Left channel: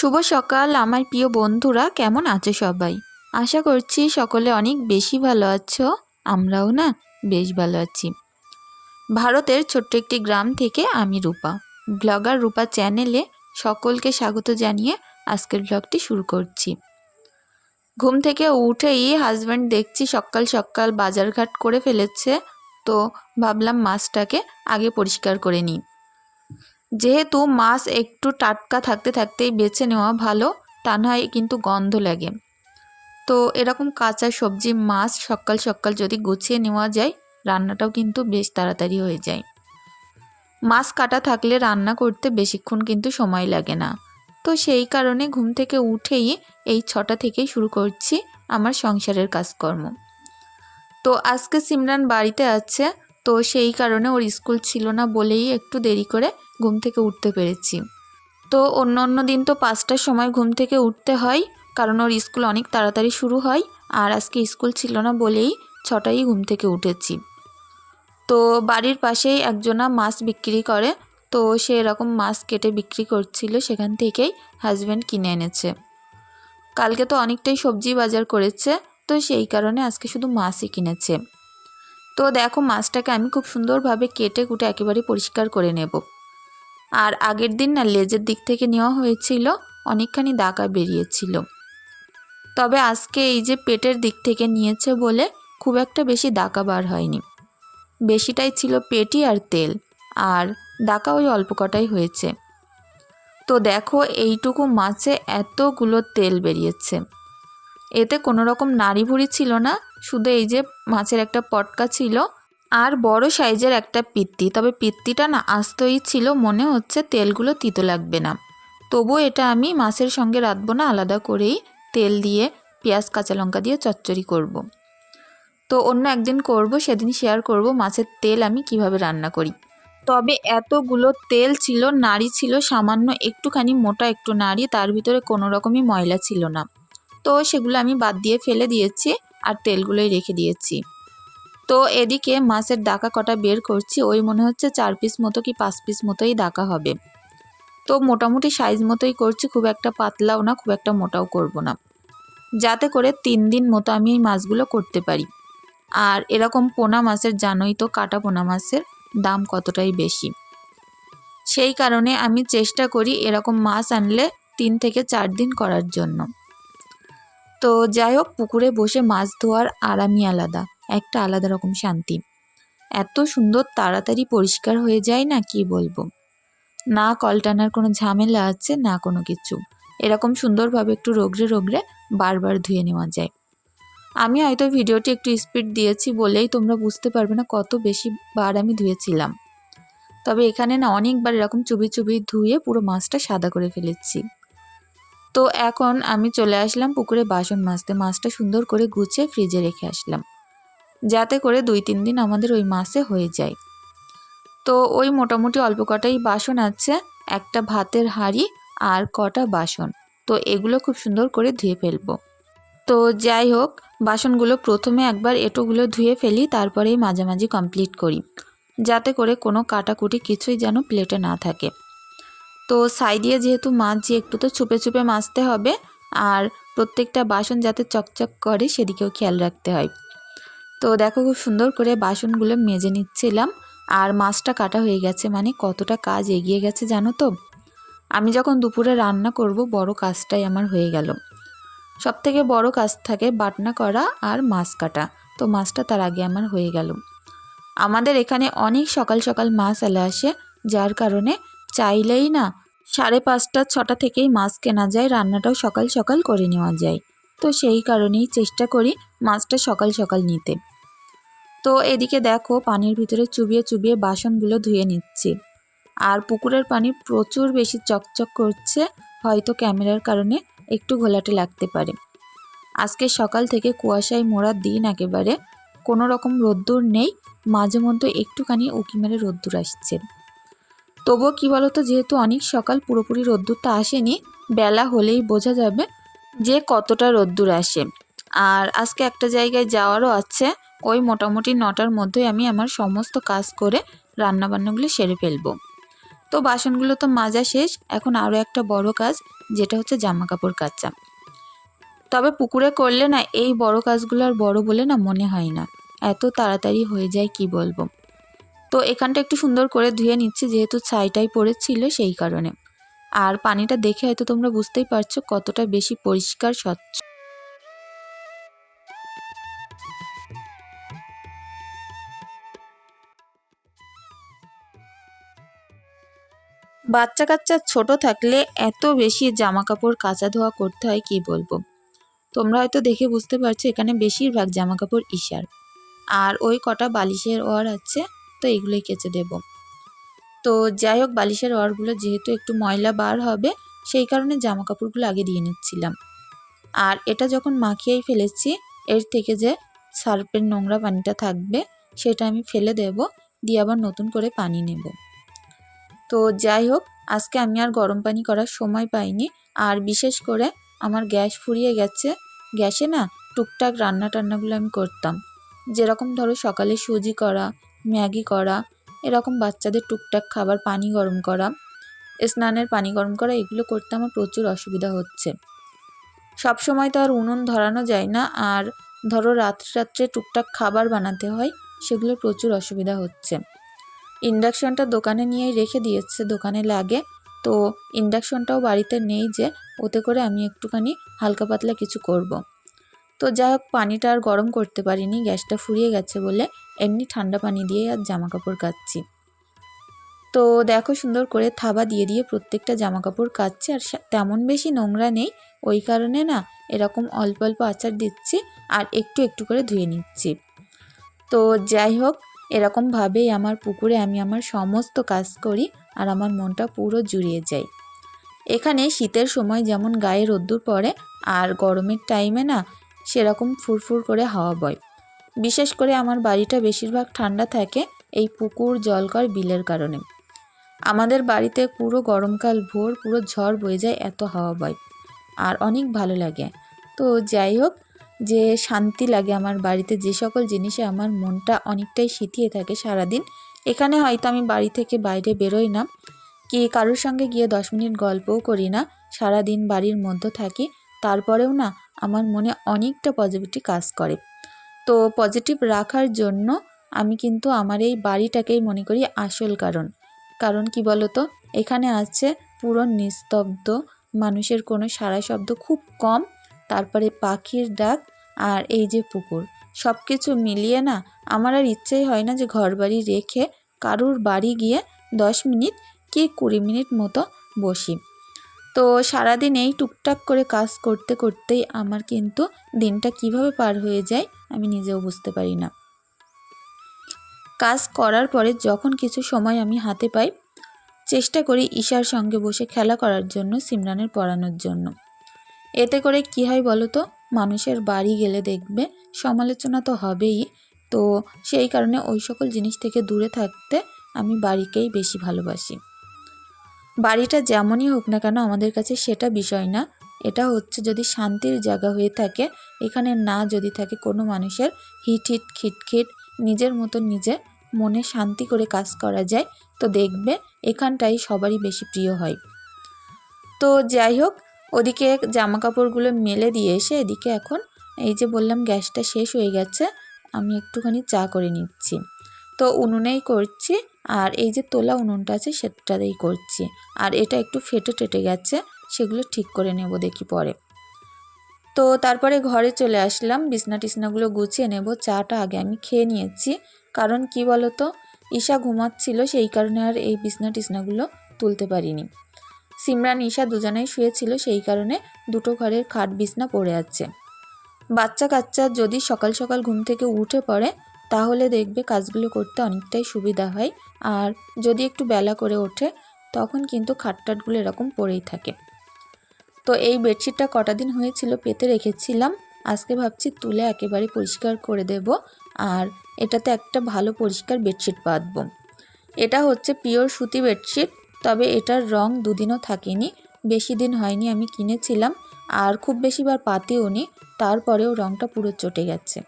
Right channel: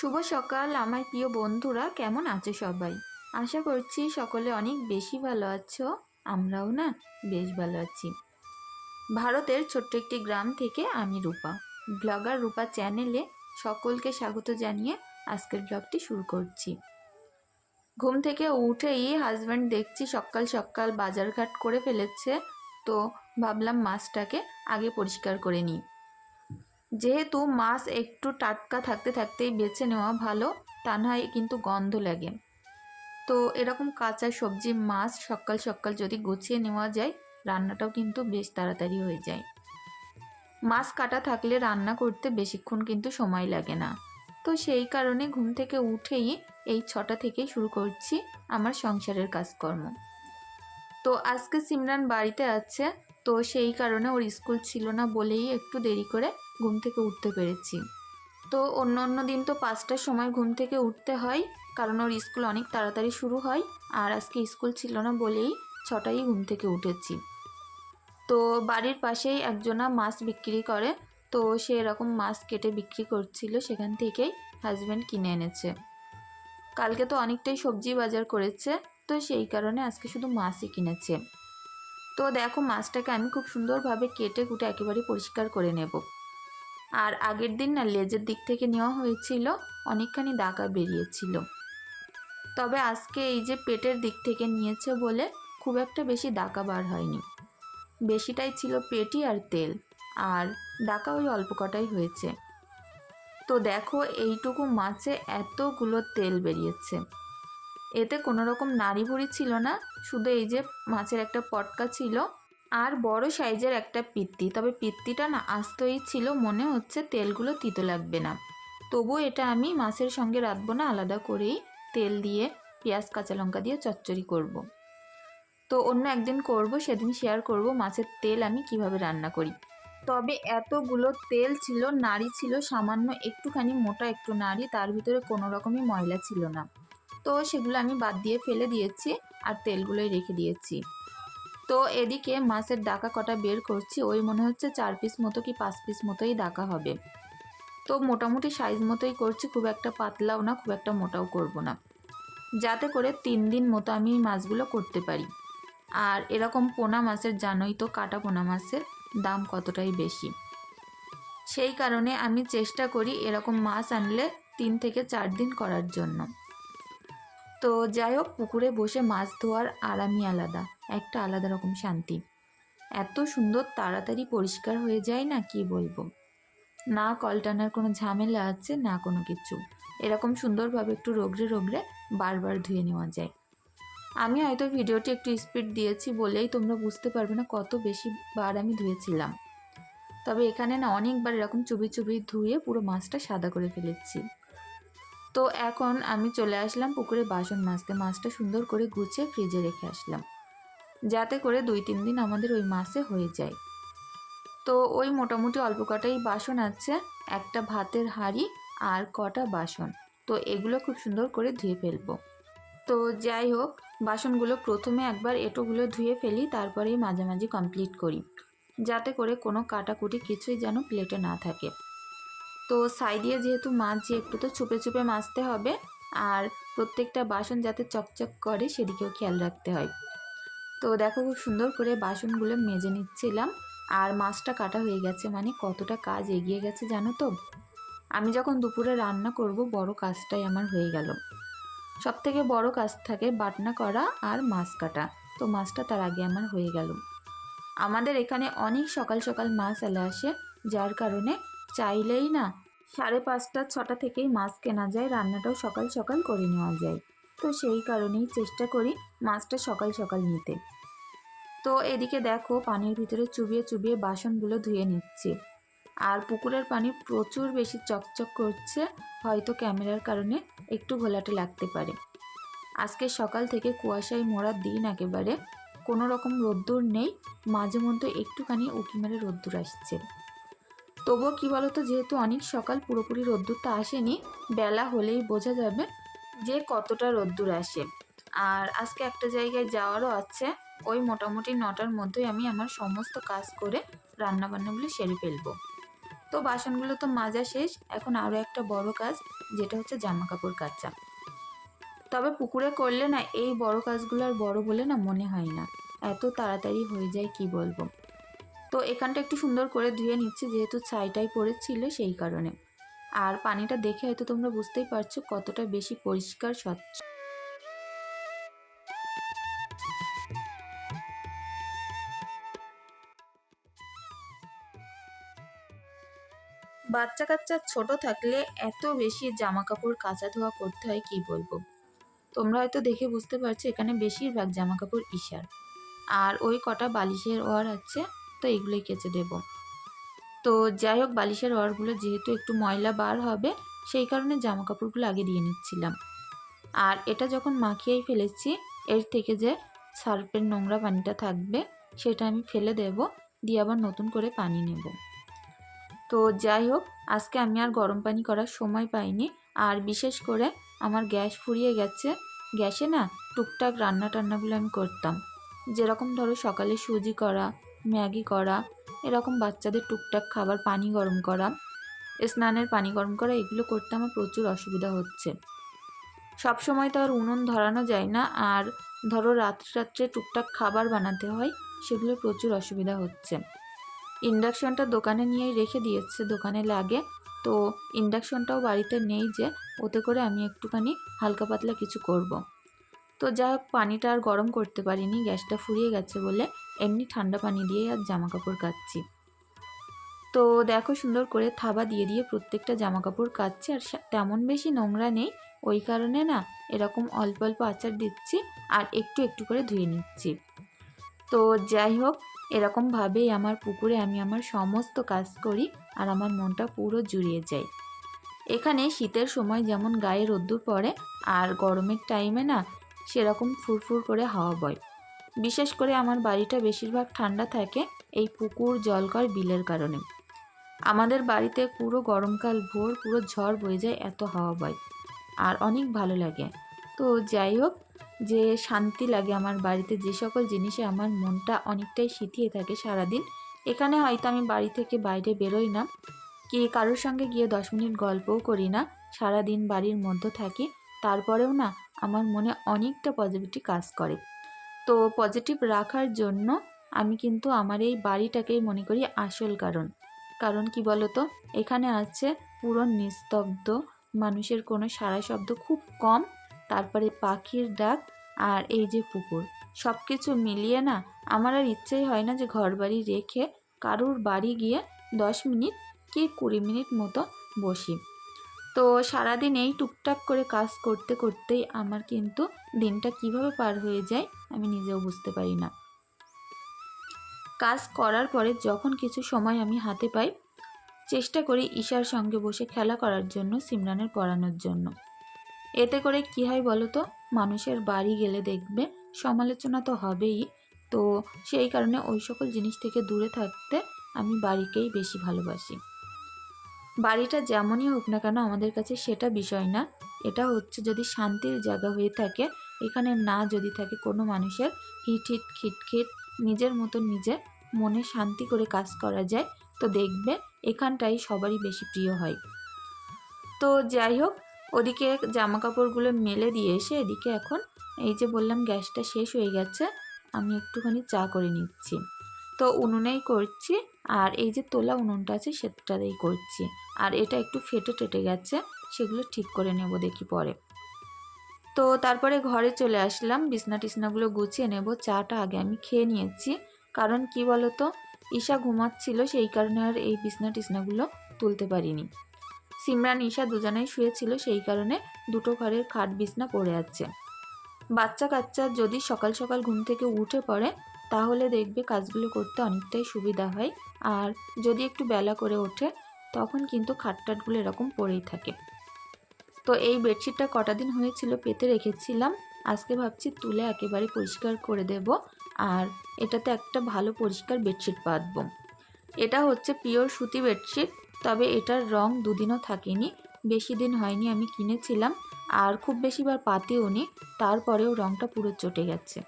শুভ সকাল, আমার প্রিয় বন্ধুরা, কেমন আছো সবাই? আশা করছি সকলে অনেক বেশি ভালো আছো, আমরাও না বেশ ভালো আছি। ভারতের ছোট্ট একটি গ্রাম থেকে আমি রূপা। ব্লগার রূপা চ্যানেলে সকলকে স্বাগত জানিয়ে আজকের ব্লগটি শুরু করছি। ঘুম থেকে উঠেই হাজব্যান্ড দেখছি সকাল সকাল বাজারঘাট করে ফেলেছে, তো ভাবলাম মাছটাকে আগে পরিষ্কার করে নিই। যেহেতু মাছ একটু টাটকা থাকতে থাকতেই বেছে নেওয়া ভালো, তা নয় কিন্তু গন্ধ লাগে। তো এরকম কাঁচা সবজি, মাছ সকাল সকাল যদি গুছিয়ে নেওয়া যায়, রান্নাটাও কিন্তু বেশ তাড়াতাড়ি হয়ে যায়। মাছ কাটা থাকলে রান্না করতে বেশিক্ষণ কিন্তু সময় লাগে না। তো সেই কারণে ঘুম থেকে উঠেই এই ছটা থেকেই শুরু করছি আমার সংসারের কাজকর্ম। তো আজকে সিমরান বাড়িতে আছে, তো সেই কারণে ওর স্কুল ছিল না বলেই একটু দেরি করে ঘুম থেকে উঠতে পেরেছি। তো অন্য অন্য দিন তো পাঁচটার সময় ঘুম থেকে উঠতে হয়, কারণ ওর স্কুল অনেক তাড়াতাড়ি শুরু হয় আর আজকে স্কুল ছিল না বলেই ছটাই ঘুম থেকে উঠেছি। তো বাড়ির পাশেই একজনা মাছ বিক্রি করে, তো সে এরকম মাছ কেটে বিক্রি করছিল, সেখান থেকেই হাজব্যান্ড কিনে এনেছে। কালকে তো অনেকটাই সবজি বাজার করেছে, তো সেই কারণে আজকে শুধু মাছই কিনেছে। তো দেখো মাছটাকে আমি খুব সুন্দরভাবে কেটে কুটে একেবারে পরিষ্কার করে নেব। আর আগের দিন না লেজের দিক থেকে নেওয়া হয়েছিল, অনেকখানি দাগা বেরিয়েছিল। তবে আজকে এই যে পেটের দিক থেকে নিয়েছে বলে খুব একটা বেশি দাকা বার হয়নি। বেশিটাই ছিল পেটি আর তেল, আর দাকা ওই অল্প কটাই হয়েছে। তো দেখো এইটুকু মাছে এতগুলো তেল বেরিয়েছে। এতে কোনো রকম নাড়ি ভুড়ি ছিল না, শুধু এই যে মাছের একটা পটকা ছিল আর বড় সাইজের একটা পিত্তি, তবে পিত্তিটা না আস্তই ছিল, মনে হচ্ছে তেলগুলো তিতো লাগবে না। তবু এটা আমি মাছের সঙ্গে রাঁধবো না, আলাদা করেই তেল দিয়ে পেঁয়াজ, কাঁচা লঙ্কা দিয়ে চচ্চড়ি করব। তো অন্য একদিন করব, সেদিন শেয়ার করব মাছের তেল আমি কীভাবে রান্না করি। তবে এতগুলো তেল ছিল, নাড়ি ছিল, সামান্য একটুখানি মোটা একটু নাড়ি, তার ভিতরে কোনো রকমই ময়লা ছিল না। তো সেগুলো আমি বাদ দিয়ে ফেলে দিয়েছি, আর তেলগুলোই রেখে দিয়েছি। তো এদিকে মাছের ডাকা কটা বের করছি, ওই মনে হচ্ছে চার পিস মতো কি পাঁচ পিস মতোই ডাকা হবে। তো মোটামুটি সাইজ মতোই করছি, খুব একটা পাতলাও না, খুব একটা মোটাও করব না। যাতে করে তিন দিন মতো আমি এই মাছগুলো করতে পারি। আর এরকম পোনা মাছের, জানোই তো কাটা পোনা মাছের দাম কতটাই বেশি। সেই কারণে আমি চেষ্টা করি এরকম মাছ আনলে তিন থেকে চার দিন করার জন্য। তো যাই হোক, পুকুরে বসে মাছ ধোয়ার আরামই আলাদা। একটা আলাদা রকম শান্তি। এত সুন্দর তাড়াতাড়ি পরিষ্কার হয়ে যায় না, কি বলব? না কল টানার কোনো ঝামেলা আছে, না কোনো কিছু। এরকম সুন্দরভাবে একটু রোগড়ে রোগড়ে বারবার ধুয়ে নেওয়া যায়। আমি হয়তো ভিডিওটি একটু স্পিড দিয়েছি বলেই তোমরা বুঝতে পারবে না কত বেশি বার আমি ধুয়েছিলাম। তবে এখানে না অনেকবার এরকম চুবি চুবি ধুয়ে পুরো মাছটা সাদা করে ফেলেছি। তো এখন আমি চলে আসলাম পুকুরে বাসন মাজতে। মাছটা সুন্দর করে গুছিয়ে ফ্রিজে রেখে আসলাম। যাতে করে দুই তিন দিন আমাদের ওই মাসে হয়ে যায়। তো ওই মোটামুটি অল্প কটাই বাসন আছে, একটা ভাতের হাঁড়ি আর কটা বাসন। তো এগুলো খুব সুন্দর করে ধুয়ে ফেলব। তো যাই হোক, বাসনগুলো প্রথমে একবার এটোগুলো ধুয়ে ফেলি, তারপরেই মাঝামাঝি কমপ্লিট করি। যাতে করে কোনো কাটাকুটি কিছুই যেন প্লেটে না থাকে। তো সাইডিয়ে যেহেতু মাছ, একটু তো ছুপে চুপে মাজতে হবে, আর প্রত্যেকটা বাসন যাতে চকচক করে সেদিকেও খেয়াল রাখতে হয়। তো দেখো খুব সুন্দর করে বাসনগুলো মেজে নিচ্ছিলাম। আর মাছটা কাটা হয়ে গেছে মানে কতটা কাজ এগিয়ে গেছে জানো তো? আমি যখন দুপুরে রান্না করব, বড় কাজটাই আমার হয়ে গেল। সব থেকে বড় কাজ থাকে বাটনা করা আর মাছ কাটা। তো মাছটা তার আগে আমার হয়ে গেল। আমাদের এখানে অনেক সকাল সকাল মাছ এলে আসে, যার কারণে চাইলেই না সাড়ে পাঁচটা, ছটা থেকেই মাছ কেনা যায়, রান্নাটাও সকাল সকাল করে নেওয়া যায়। তো সেই কারণেই চেষ্টা করি মাছটা সকাল সকাল নিতে। তো এদিকে দেখো পানির ভিতরে চুবিয়ে চুবিয়ে বাসনগুলো ধুয়ে নিচ্ছি। আর পুকুরের পানি প্রচুর বেশি চকচক করছে, হয়তো ক্যামেরার কারণে একটু ঘোলাটে লাগতে পারে। আজকে সকাল থেকে কুয়াশায় মোড়ার দিন একেবারে। কোনো রকম রোদ্দুর নেই, মাঝে মধ্যে একটুখানি উঁকি মেরে রোদ্দুর আসছে। তবুও কী বলতো, যেহেতু অনেক সকাল, পুরোপুরি রোদ্দুরটা আসেনি, বেলা হলেই বোঝা যাবে যে কতটা রোদ্দুর আসে। আর আজকে একটা জায়গায় যাওয়ারও আছে। ওই মোটামুটি নটার মধ্যেই আমি আমার সমস্ত কাজ করে রান্নাবান্নাগুলো সেরে ফেলব। তো বাসনগুলো তো মাজা শেষ, এখন আরও একটা বড় কাজ, যেটা হচ্ছে জামা কাপড় কাচা। তবে পুকুরে করলে না, এই বড় কাজগুলো আর বড় বলে না মনে হয় না। এত তাড়াতাড়ি হয়ে যায় কি বলব? তো এখানটা একটু সুন্দর করে ধুয়ে নিচ্ছি, যেহেতু ছাইটাই পড়েছিল সেই কারণে। আর পানিটা দেখে হয়তো তোমরা বুঝতেই পারছ কতটা বেশি পরিষ্কার স্বচ্ছ। বাচ্চা কাচ্চা ছোট থাকলে এত বেশি জামা কাপড় কাচা ধোয়া করতে হয়, কি বলব? তোমরা হয়তো দেখে বুঝতে পারছ, এখানে বেশিরভাগ জামা কাপড় ইশার আর ওই কটা বালিশের ওয়ার আছে, তো এগুলোই কেচে দেব। তো যাই হোক, বালিশের ওয়ারগুলো যেহেতু একটু ময়লা বার হবে, সেই কারণে জামা কাপড়গুলো আগে দিয়ে নিচ্ছিলাম। আর এটা যখন মাখিয়েই ফেলেছি, এর থেকে যে সার্ফের নোংরা পানিটা থাকবে, সেটা আমি ফেলে দেব, দিয়ে আবার নতুন করে পানি নেব। তো যাই হোক, আজকে আমি আর গরম পানি করার সময় পাইনি। আর বিশেষ করে আমার গ্যাস ফুরিয়ে গেছে। গ্যাসে না টুকটাক রান্না টান্নাগুলো আমি করতাম। যেরকম ধরো সকালে সুজি করা, ম্যাগি করা, এরকম বাচ্চাদের টুকটাক খাবার পানি গরম করা, স্নানের পানি গরম করা, এগুলো করতে আমার প্রচুর অসুবিধা হচ্ছে। সব সময় তো আর উনুন ধরানো যায় না। আর ধরো রাত্রে রাত্রে টুকটাক খাবার বানাতে হয় সেগুলো প্রচুর অসুবিধা হচ্ছে। ইন্ডাকশনটা দোকানে নিয়েই রেখে দিয়েছে, দোকানে লাগে। তো ইন্ডাকশনটাও বাড়িতে নেই যে, ওতে করে আমি একটুখানি হালকা পাতলা কিছু করব। তো যাই হোক, পানিটা আর গরম করতে পারিনি, গ্যাসটা ফুরিয়ে গেছে বলে এমনি ঠান্ডা পানি দিয়ে আর জামা কাপড় কাচ্ছি। তো দেখো সুন্দর করে থাবা দিয়ে দিয়ে প্রত্যেকটা জামা কাপড় কাচ্ছি, আর তেমন বেশি নোংরা নেই, ওই কারণে না এরকম অল্প অল্প আচার দিচ্ছি আর একটু একটু করে ধুয়ে নিচ্ছি। তো যাই হোক এরকমভাবেই আমার পুকুরে আমি আমার সমস্ত কাজ করি আর আমার মনটা পুরো জুড়িয়ে যায়। এখানে শীতের সময় যেমন গায়ে রোদ্দুর পড়ে আর গরমের টাইমে না সেরকম ফুরফুর করে হাওয়া বয়। বিশেষ করে আমার বাড়িটা বেশিরভাগ ঠান্ডা থাকে এই পুকুর জলকর বিলের কারণে। আমাদের বাড়িতে পুরো গরমকাল ভোর পুরো ঝড় বয়ে যায় এত হাওয়া বয়। আর অনেক ভালো লাগে। তো যাই হোক যে শান্তি লাগে আমার বাড়িতে, যে সকল জিনিসে আমার মনটা অনেকটাই শীতিয়ে থাকে সারাদিন। এখানে হয়তো আমি বাড়ি থেকে বাইরে বেরোই না। কি কারোর সঙ্গে গিয়ে দশ মিনিট গল্পও করি না। সারাদিন বাড়ির মধ্যে থাকি। তারপরেও না, আমার মনে অনেকটা পজিটিভিটি কাজ করে। তো পজিটিভ রাখার জন্য আমি কিন্তু আমার এই বাড়িটাকেই মনে করি আসল কারণ। কারণ কি বলতো? এখানে আছে পুরো নিস্তব্ধ। মানুষের কোনো সারা শব্দ খুব কম। তারপরে পাখির ডাক আর এই যে পুকুর। সব কিছু মিলিয়ে না আমার আর ইচ্ছেই হয় না যে ঘর বাড়ি রেখে কারুর বাড়ি গিয়ে দশ মিনিট কি কুড়ি মিনিট মতো বসি। তো সারাদিন এই টুকটাক করে কাজ করতে করতেই আমার কিন্তু দিনটা কীভাবে পার হয়ে যায় আমি নিজেও বুঝতে পারি না। কাজ করার পরে যখন কিছু সময় আমি হাতে পাই, চেষ্টা করি ঈশার সঙ্গে বসে খেলা করার জন্য, সিমরানের পড়ানোর জন্য। এতে করে কি হয় বলো তো? মানুষের বাড়ি গেলে দেখবে সমালোচনা তো হবেই। তো সেই কারণে ওই সকল জিনিস থেকে দূরে থাকতে আমি বাড়িকেই বেশি ভালোবাসি। বাড়িটা যেমনই হোক না কেন আমাদের কাছে সেটা বিষয় না। এটা হচ্ছে যদি শান্তির জায়গা হয়ে থাকে, এখানে না যদি থাকে কোনো মানুষের হিট হিট খিটখিট নিজের মতো নিজে মনে শান্তি করে কাজ করা যায়, তো দেখবে এখানটাই সবারই বেশি প্রিয় হয়। তো যাই হোক ওদিকে জামা কাপড়গুলো মেলে দিয়ে এসে এদিকে এখন এই যে বললাম গ্যাসটা শেষ হয়ে গেছে, আমি একটুখানি চা করে নিচ্ছি। তো উনুনেই করছি আর এই যে তোলা উনুনটা আছে সেটাতেই করছি। আর এটা একটু ফেটে টেটে গেছে, সেগুলো ঠিক করে নেব দেখি পরে। তো তারপরে ঘরে চলে আসলাম, বিছনা টিসনাগুলো গুছিয়ে নেব, চাটা আগে আমি খেয়ে নিয়েছি। কারণ কি বলতো, ঈশা ঘুমাচ্ছিল, সেই কারণে আর এই বিছনা টিসনাগুলো তুলতে পারিনি। সিমরান ঈশা দুজনেই শুয়েছিল সেই কারণে দুটো ঘরের খাট বিছনা পড়ে আছে। বাচ্চা কাচ্চা যদি সকাল সকাল ঘুম থেকে উঠে পড়ে, তাহলে দেখবে কাজগুলো করতে অনেকটাই সুবিধা হয়। আর যদি একটু বেলা করে ওঠে, তখন কিন্তু খাটটাটগুলো এরকম পড়েই থাকে। তো এই বেডশিটটা কটা দিন হয়েছিল পেতে রেখেছিলাম। আজকে ভাবছি তুলে একেবারে পরিষ্কার করে দেব আর এটাতে একটা ভালো পরিষ্কার বেডশিট বাঁধব। এটা হচ্ছে পিওর সুতি বেডশিট। তবে এটার রং দুদিনও থাকেনি। বেশি দিন হয়নি আমি কিনেছিলাম, আর খুব বেশিবার পাতেও নি, তারপরেও রংটা পুরো চটে গেছে।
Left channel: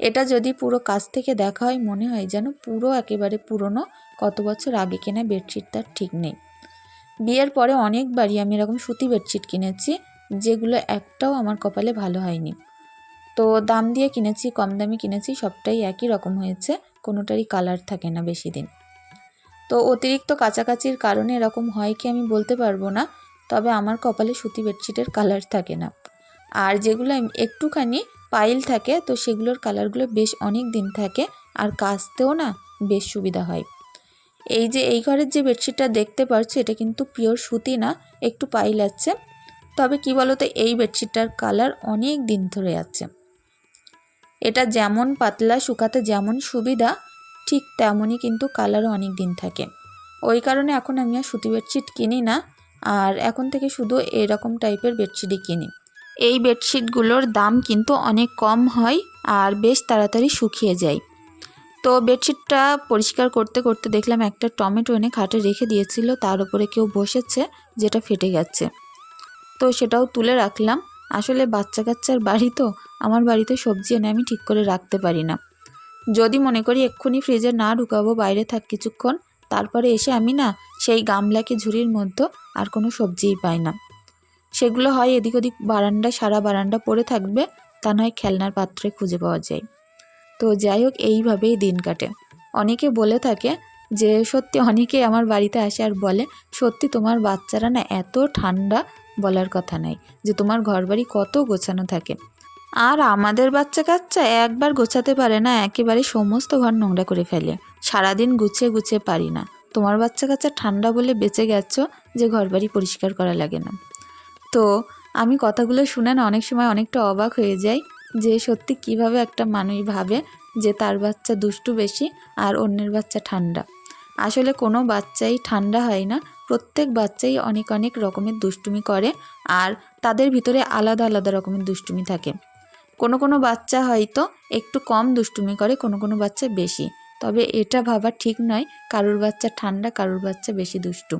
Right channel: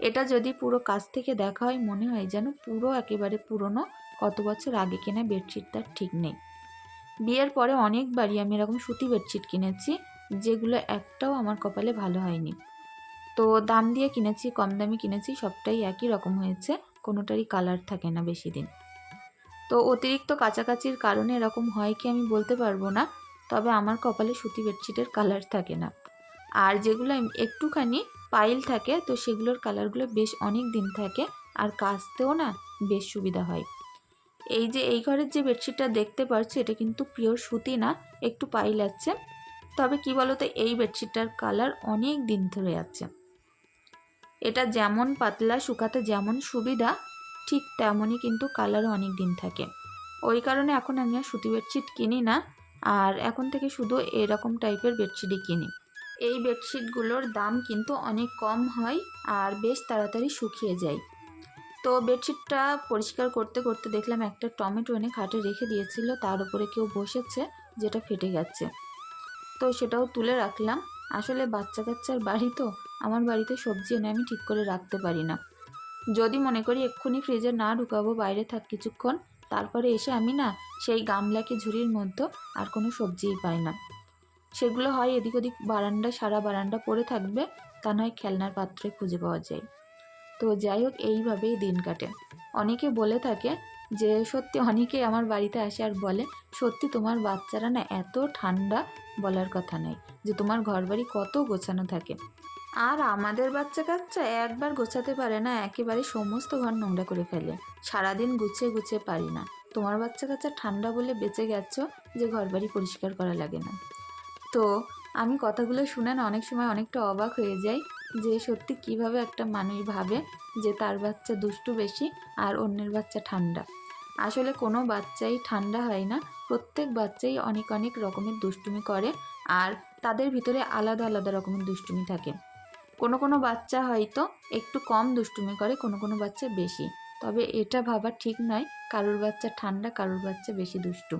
এটা যদি পুরো কাছ থেকে দেখা হয়, মনে হয় যেন পুরো একেবারে পুরনো, কত বছর আগে কেনা বেডশিট তার ঠিক নেই। বিয়ের পরে অনেকবারই আমি এরকম সুতি বেডশিট কিনেছি, যেগুলো একটাও আমার কপালে ভালো হয়নি। তো দাম দিয়ে কিনেছি, কম দামে কিনেছি, সবটাই একই রকম হয়েছে, কোনোটারই কালার থাকে না বেশি দিন। তো অতিরিক্ত কাছাকাছির কারণে এরকম হয় কি আমি বলতে পারব না, তবে আমার কপালে সুতি বেডশিটের কালার থাকে না। আর যেগুলো একটুখানি পাইল থাকে, তো সেগুলোর কালারগুলো বেশ অনেক দিন থাকে আর কাচতেও না বেশ সুবিধা হয়। এই যে এই ঘরের যে বেডশিটটা দেখতে পাচ্ছ এটা কিন্তু পিওর সুতি না, একটু পাইল আছে। তবে কি বলতো, এই বেডশিটটার কালার অনেক দিন ধরে আছে। এটা যেমন পাতলা, শুকাতে যেমন সুবিধা ঠিক তেমনই কিন্তু কালারও অনেক দিন থাকে। ওই কারণে এখন আমি আর সুতি বেডশিট কিনি না, আর এখন থেকে শুধু এরকম টাইপের বেডশিটই কিনি। এই বেডশিটগুলোর দাম কিন্তু অনেক কম হয় আর বেশ তাড়াতাড়ি শুকিয়ে যায়। তো বেডশিটটা পরিষ্কার করতে করতে দেখলাম একটা টমেটো এনে খাটে রেখে দিয়েছিল, তার উপরে কেউ বসেছে, যেটা ফেটে গেছে। তো সেটাও তুলে রাখলাম। আসলে বাচ্চা কাচ্চার বাড়ি তো, আমার বাড়িতে সবজি এনে আমি ঠিক করে রাখতে পারি না। যদি মনে করি এক্ষুনি ফ্রিজে না ঢুকাবো, বাইরে থাক কিছুক্ষণ, তারপরে এসে আমি না সেই গামলাকে ঝুড়ির মধ্যে আর কোনো সবজিই পাই না। সেগুলো হয় এদিক ওদিক বারান্দা সারা বারান্দা পড়ে থাকবে, তা নয় খেলনার পাত্রে খুঁজে পাওয়া যায়। তো যাই হোক, এইভাবেই দিন কাটে। অনেকে বলে থাকে যে, সত্যি অনেকে আমার বাড়িতে আসে আর বলে, সত্যি তোমার বাচ্চারা না এত ঠান্ডা বলার কথা নাই, যে তোমার ঘরবাড়ি কত গোছানো থাকে। আর আমাদের বাচ্চা কাচ্চা একবার গোছাতে পারে না, একেবারে সমস্ত ঘর নোংরা করে ফেলে। সারাদিন গুছিয়ে গুছিয়ে পারি না। তোমার বাচ্চা কাচ্চা ঠান্ডা বলে বেঁচে গেছো যে ঘর বাড়ি পরিষ্কার করা লাগে না। তো, আমি কথাগুলো শুনে না অনেক সময় অনেকটা অবাক হয়ে যাই যে সত্যি কীভাবে একটা মানুষ ভাবে যে তার বাচ্চা দুষ্টু বেশি আর অন্যের বাচ্চা ঠান্ডা। আসলে কোনো বাচ্চাই ঠান্ডা হয় না, প্রত্যেক বাচ্চাই অনেক অনেক রকমের দুষ্টুমি করে আর তাদের ভিতরে আলাদা আলাদা রকমের দুষ্টুমি থাকে। কোনো কোনো বাচ্চা হয়তো একটু কম দুষ্টুমি করে, কোনো কোনো বাচ্চা বেশি। তবে এটা ভাবা ঠিক নয় কারুর বাচ্চা ঠান্ডা, কারোর বাচ্চা বেশি দুষ্টু।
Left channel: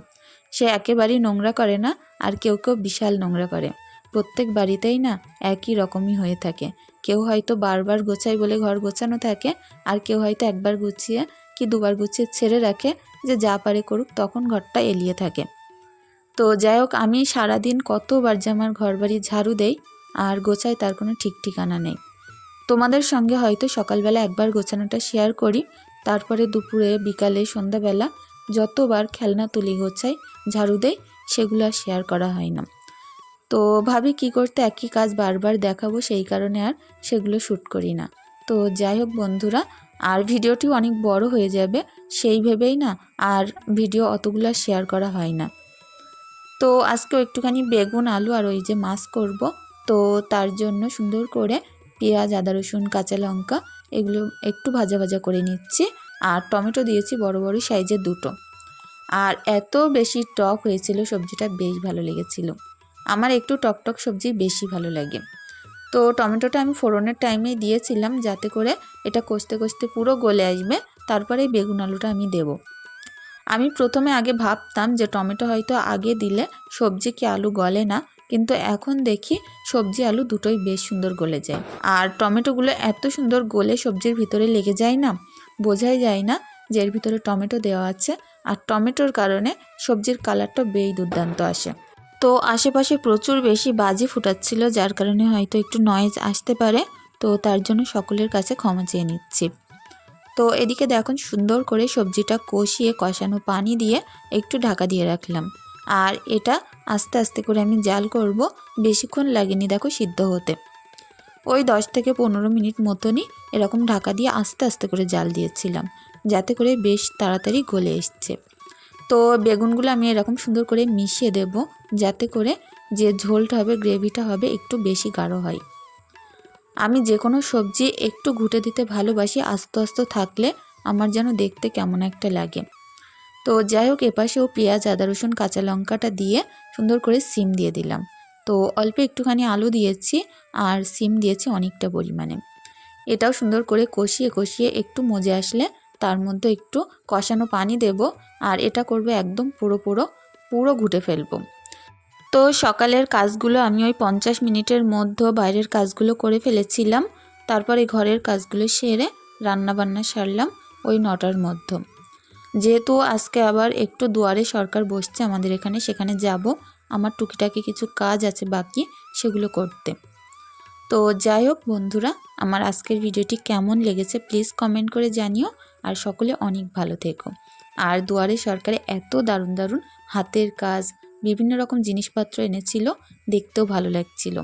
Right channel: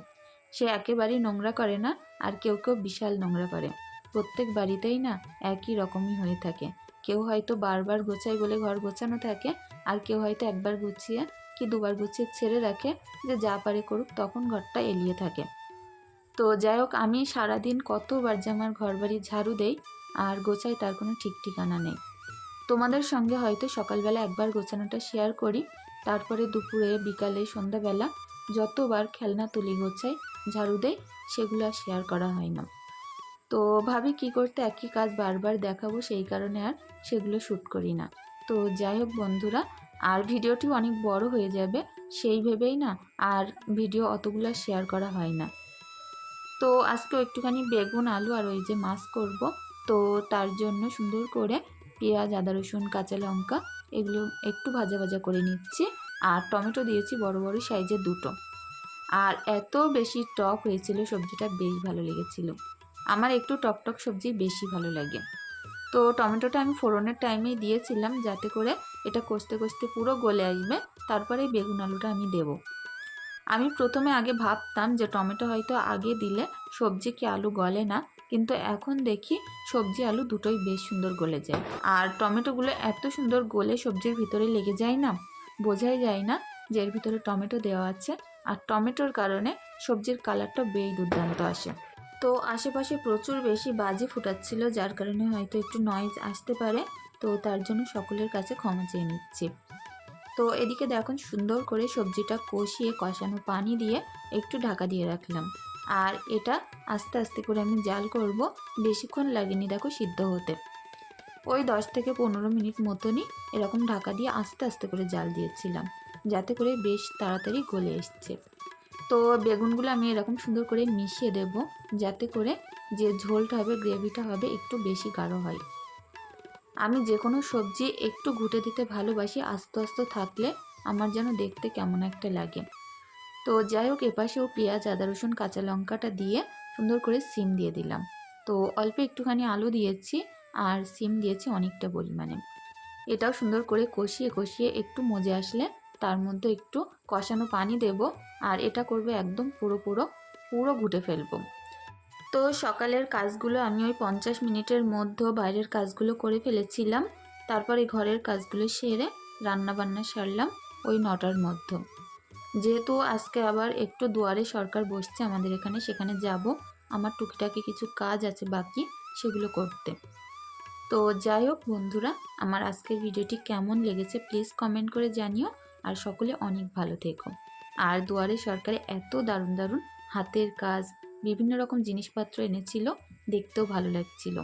সে একেবারেই নোংরা করে না, আর কেউ কেউ বিশাল নোংরা করে। প্রত্যেক বাড়িতেই না একই রকমই হয়ে থাকে। কেউ হয়তো বারবার গোছাই বলে ঘর গোছানো থাকে, আর কেউ হয়তো একবার গুছিয়ে কি দুবার গুছিয়ে ছেড়ে রাখে যে যা পারে করুক তখন ঘরটা এলিয়ে থাকে। তো যাই হোক, আমি সারাদিন কতবার যে আমার ঘর বাড়ি ঝাড়ু দেই আর গোছাই তার কোনো ঠিক ঠিকানা নেই। তোমাদের সঙ্গে হয়তো সকালবেলা একবার গোছানোটা শেয়ার করি, তারপরে দুপুরে, বিকালে, সন্ধ্যাবেলা যতবার খেলনা তুলি গোছাই ঝাড়ু দেই, সেগুলো আর শেয়ার করা হয় না। তো ভাবি কি করতে একই কাজ বারবার দেখাবো, সেই কারণে আর সেগুলো শ্যুট করি না। তো যাই হোক বন্ধুরা, আর ভিডিওটিও অনেক বড় হয়ে যাবে, সেই ভেবেই না আর ভিডিও অতগুলো শেয়ার করা হয় না। তো আজকেও একটুখানি বেগুন, আলু আর ওই যে মাছ করব তো তার জন্য সুন্দর করে পেঁয়াজ, আদা, রসুন, কাঁচা লঙ্কা এগুলো একটু ভাজা ভাজা করে নিচ্ছি আর টমেটো দিয়েছি বড় বড় সাইজের দুটো। আর এত বেশি টক হয়েছিল সবজিটা বেশ ভালো লেগেছিল। আমার একটু টকটক সবজি বেশি ভালো লাগে। তো টমেটোটা আমি ফোড়নের টাইমেই দিয়েছিলাম যাতে করে এটা কষতে কষতে পুরো গলে আসবে। তারপরে বেগুন আলুটা আমি দেব। আমি প্রথমে আগে ভাবতাম যে টমেটো হয়তো আগে দিলে সবজি কি আলু গলে না। কিন্তু এখন দেখি সবজি আলু দুটোই বেশ সুন্দর গলে যায়। আর টমেটোগুলো এত সুন্দর গলে সবজির ভিতরে লেগে যায় না, বোঝাই যায় না যে এর ভিতরে টমেটো দেওয়া আছে আর টমেটোর কারণে সবজির কালারটা বেই দুর্দান্ত আসে। তো আশেপাশে প্রচুর বেশি বাজি ফুটাচ্ছিল, যার কারণে হয়তো একটু নয়েজ আসতে পারে, তো তার জন্য সকলের কাছে ক্ষমা চেয়ে নিচ্ছি। তো এদিকে দেখুন সুন্দর করে সবজিটা কষিয়ে কষানো পানি দিয়ে একটু ঢাকা দিয়ে রাখলাম। আর এটা আস্তে আস্তে করে আমি জাল করব। বেশিক্ষণ লাগেনি দেখো সিদ্ধ হতে। ওই দশ থেকে পনেরো মিনিট মতনই এরকম ঢাকা দিয়ে আস্তে আস্তে করে জাল দিয়েছিলাম, যাতে করে বেশ তাড়াতাড়ি গলে এসছে। তো বেগুনগুলো আমি এরকম সুন্দর করে মিশিয়ে দেব, যাতে করে যে ঝোলটা হবে, গ্রেভিটা হবে, একটু বেশি গাঢ় হয়। আমি যে কোনো সবজি একটু ঘুটে দিতে ভালোবাসি, আস্তে আস্তে থাকলে আমার যেন দেখতে কেমন একটা লাগে। তো যাই হোক, এপাশেও পেঁয়াজ, আদা, রসুন, কাঁচা লঙ্কাটা দিয়ে সুন্দর করে সিম দিয়ে দিলাম। তো অল্প একটুখানি আলু দিয়েছি আর সিম দিয়েছি অনেকটা পরিমাণে। এটাও সুন্দর করে কষিয়ে কষিয়ে একটু মজে আসলে তার মধ্যে একটু কষানো পানি দেব আর এটা করবে একদম পুরো পুরো পুরো ঘুটে ফেলব। তো সকালের কাজগুলো আমি ওই পঞ্চাশ মিনিটের মধ্যে বাইরের কাজগুলো করে ফেলেছিলাম। তারপরে ঘরের কাজগুলো সেরে রান্না বান্না সারলাম ওই নটার মধ্যে। যেহেতু আজকে আবার একটু দুয়ারে সরকার বসছে আমাদের এখানে, সেখানে যাব। আমার টুকিটাকি কিছু কাজ আছে বাকি, সেগুলো করতে। তো যাই হোক বন্ধুরা, আমার আজকের ভিডিওটি কেমন লেগেছে প্লিজ কমেন্ট করে জানিও। আর সকলে অনেক ভালো থেকো। আর দুয়ারে সরকারে এত দারুণ দারুণ হাতের কাজ, বিভিন্ন রকম জিনিসপত্র এনেছিল, দেখতেও ভালো লাগছিল।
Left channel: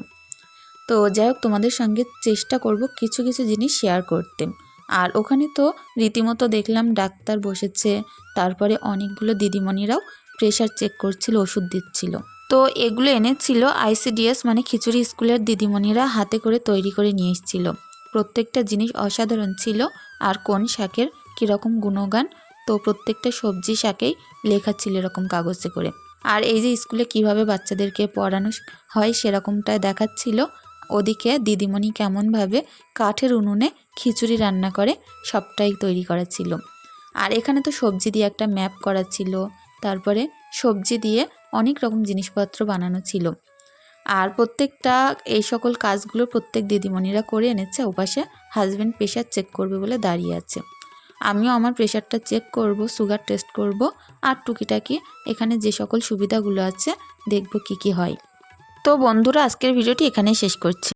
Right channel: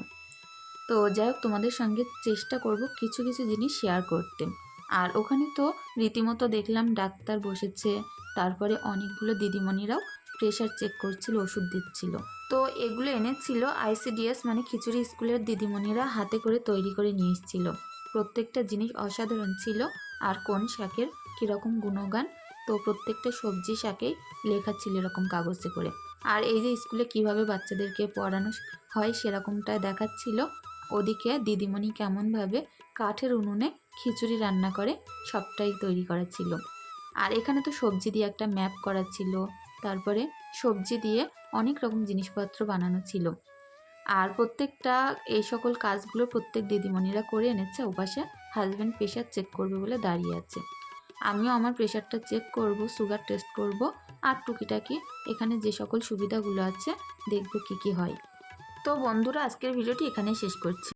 তো যাই হোক তোমাদের সঙ্গে চেষ্টা করব কিছু কিছু জিনিস শেয়ার করতে। আর ওখানে তো রীতিমতো দেখলাম ডাক্তার বসেছে। তারপরে অনেকগুলো দিদিমণিরাও প্রেশার চেক করছিল, ওষুধ দিচ্ছিল। তো এগুলো এনেছিল আইসিডিএস মানে খিচুড়ি স্কুলের দিদিমণিরা হাতে করে তৈরি করে নিয়ে এসেছিল। প্রত্যেকটা জিনিস অসাধারণ ছিল। আর কোন শাকের কীরকম গুণগান, তো প্রত্যেকটা সবজি শাকেই লেখা ছিল এরকম কাগজে করে। আর এই যে স্কুলে কীভাবে বাচ্চাদেরকে পড়ানো হয় সেরকমটা দেখাচ্ছিল। ওদিকে দিদিমণি কেমনভাবে কাঠের উনুনে খিচুড়ি রান্না করে সবটাই তৈরি করা ছিল আর এখানে তো সবজি দিয়ে একটা ম্যাপ করা ছিল তারপরে সবজি দিয়ে অনেক রকম জিনিসপত্র বানানো ছিল। আর প্রত্যেকটা এই সকল কাজগুলো প্রত্যেক দিদিমণিরা করে এনেছে, ওপাশে হাজব্যান্ড প্রেশার চেক করবে বলে দাঁড়িয়ে আছে। আমিও আমার প্রেশারটা চেক করব সুগার টেস্ট করব আর টুকিটাকি এখানে যে সকল সুবিধাগুলো আছে দেখব কি কি হয়। তো বন্ধুরা আজকের ভিডিওটি এখানেই শেষ করছি।